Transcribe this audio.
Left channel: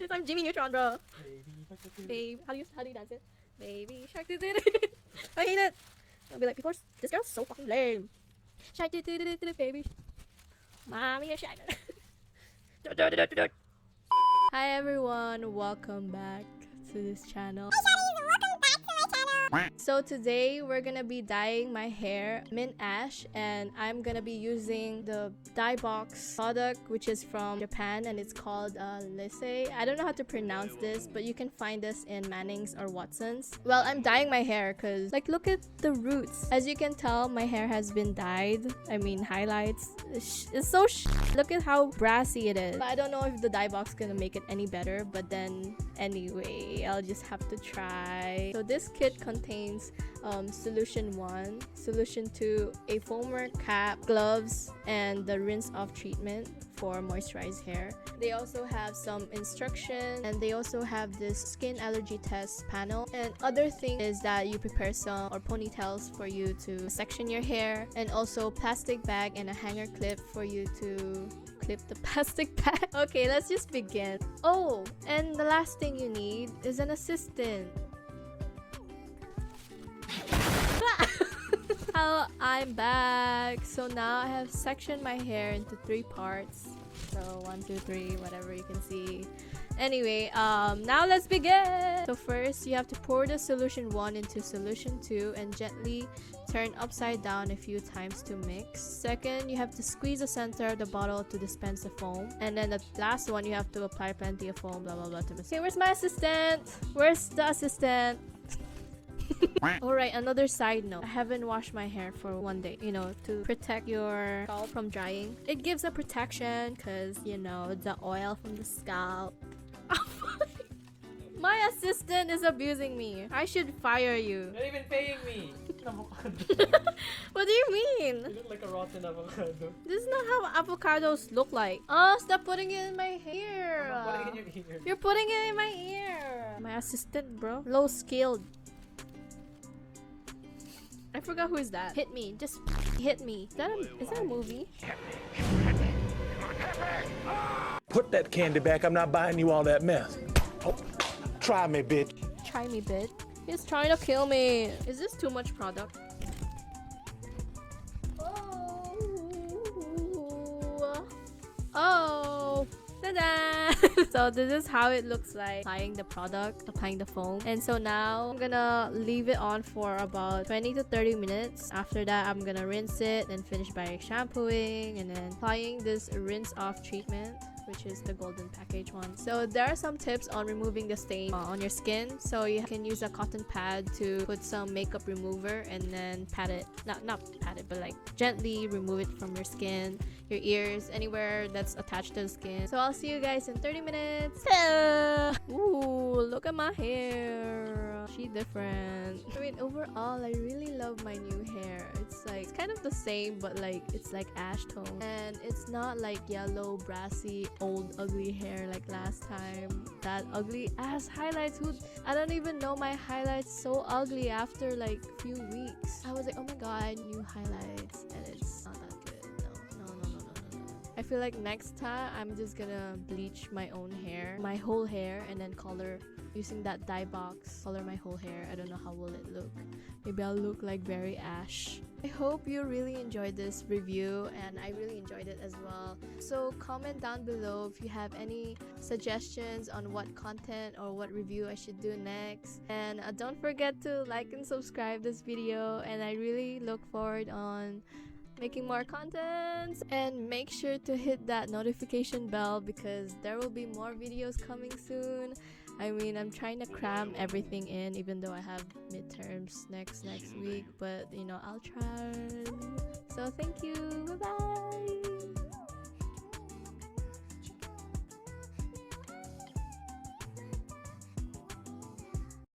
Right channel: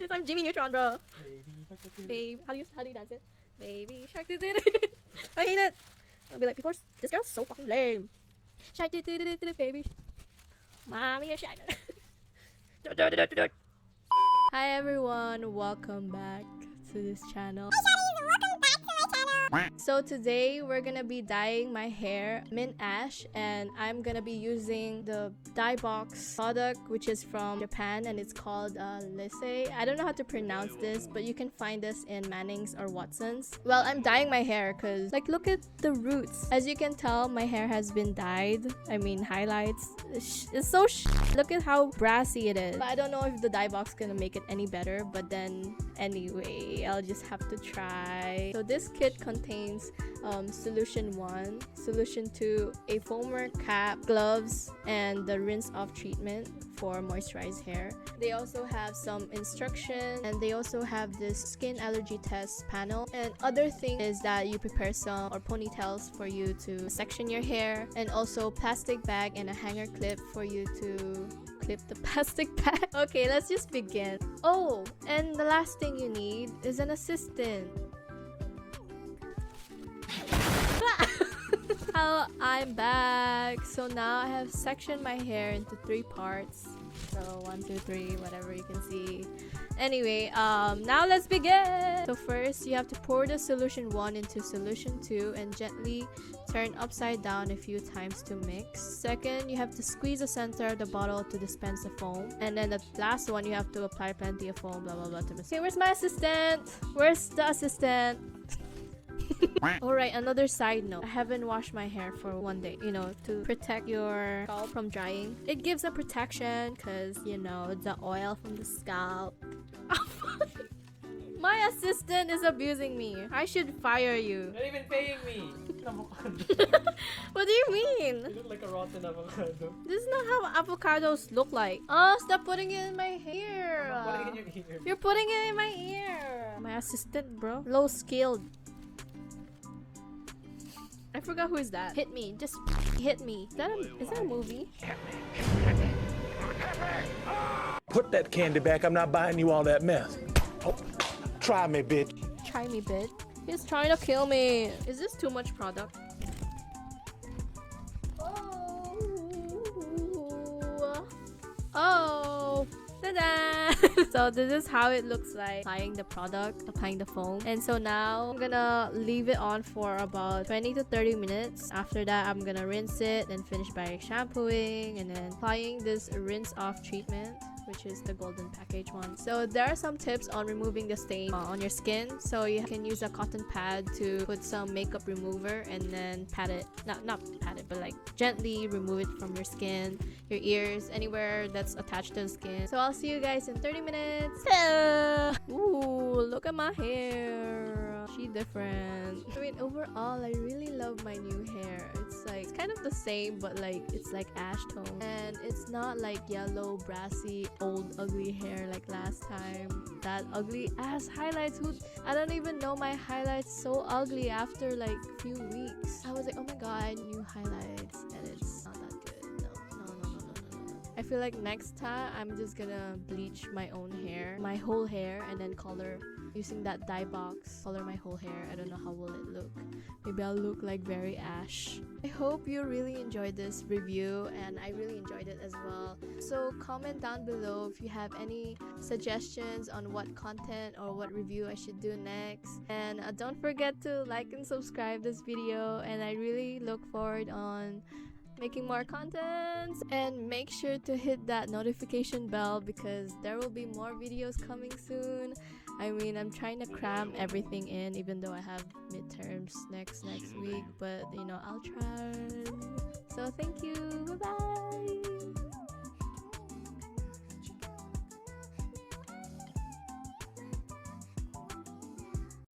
Yes, I'm Jimmy Neutron, bro. Babe, how do you dance it? I hate it. I'll be like, because this girl's so fucking lame. Shake it, baby. Mommy, shake it. Hi everyone, welcome back to this channel. So today we're gonna be dyeing my hair mint ash, and I'm gonna be using the dye box product which is from Japan, and it's called Liese. I don't know how to pronounce this, but you can find this in Manning's or Watson's. Well, I'm dyeing my hair because like look at the roots. As you can tell, my hair has been dyed. I mean highlights. It's so look at how brassy it is. But I don't know if the dye box is gonna make it any better, but then anyway, I'll just have to try. So this kit contains solution 1, solution 2, a foamer cap, gloves, and the rinse off treatment for moisturized hair. They also have some instructions, and they also have this skin allergy test panel. And other thing is that you prepare some or ponytails for you to section your hair, and also plastic bag and a hanger clip for you to clip the plastic bag. Okay, let's just begin. Oh, and the last thing you need is an assistant. Hello, I'm back. So now I have sectioned my hair into 3 parts. So 1, 2, 3, whatever you can see. Anyway, now let's begin. So first, you have to pour the solution 1 into solution 2 and gently turn upside down a few times to mix. Second, you have to squeeze the center of the bottle to dispense the foam. And then the last one, you have to apply plenty of foam, blah blah blah to mix. Okay, where's my assistant? Where's the assistant? Alright, another saying. I haven't washed my hair for 1 day, you know, to protect your scalp from drying. It gives a protection because, you know, the oil from the scalp. My assistant is abusing me. I should fire you. You're not even paying me. What do you mean? You look like a rotten avocado. This is not how avocados look like. Oh, stop putting it in my hair. I'm putting it in your ear. You're putting it in my ear. My assistant, bro. Low skilled. I forgot who's that. Hit me. Just hit me. Is that a movie? Put that candy back. I'm not buying you all that mess. Oh, try me, bitch. Try me, bitch. He's trying to kill me. Is this too much product? Oh. Ta-da! So this is how it looks like applying the product, applying the foam. And so now I'm gonna leave it on for about 20 to 30 minutes. After that, I'm gonna rinse it and finish by shampooing and then applying this rinse off treatment, which is the golden package one. So there are some tips on removing the stain on your skin. So you can use a cotton pad to put some makeup remover and then pat it, not pat it, but like gently remove it from your skin, your ears, anywhere that's attached to the skin. So I'll see you guys in 30 minutes. Hello. Ooh, look at my hair. She's different. I mean, overall, I really love my new hair. It's like kind of the same, but like it's like ash tone, and it's not like yellow, brassy, old, ugly hair like last time. That ugly ass highlights. I don't even know my highlights so ugly after like a few weeks. I was like, oh my god, new highlights, and it's no. I feel like next time I'm just gonna bleach my own hair, my whole hair, and then color using that dye box. Color my whole hair. I don't know how will it look. Maybe I'll look like very ash. I hope you really enjoyed this review, and I really enjoyed it as well. So comment down below if you have any suggestions on what content or what review I should do next. And don't forget to like and subscribe this video, and I really look forward on making more content, and make sure to hit that notification bell because there will be more videos coming soon. I mean, I'm trying to cram everything in, even though I have midterms next week, but you know, I'll try.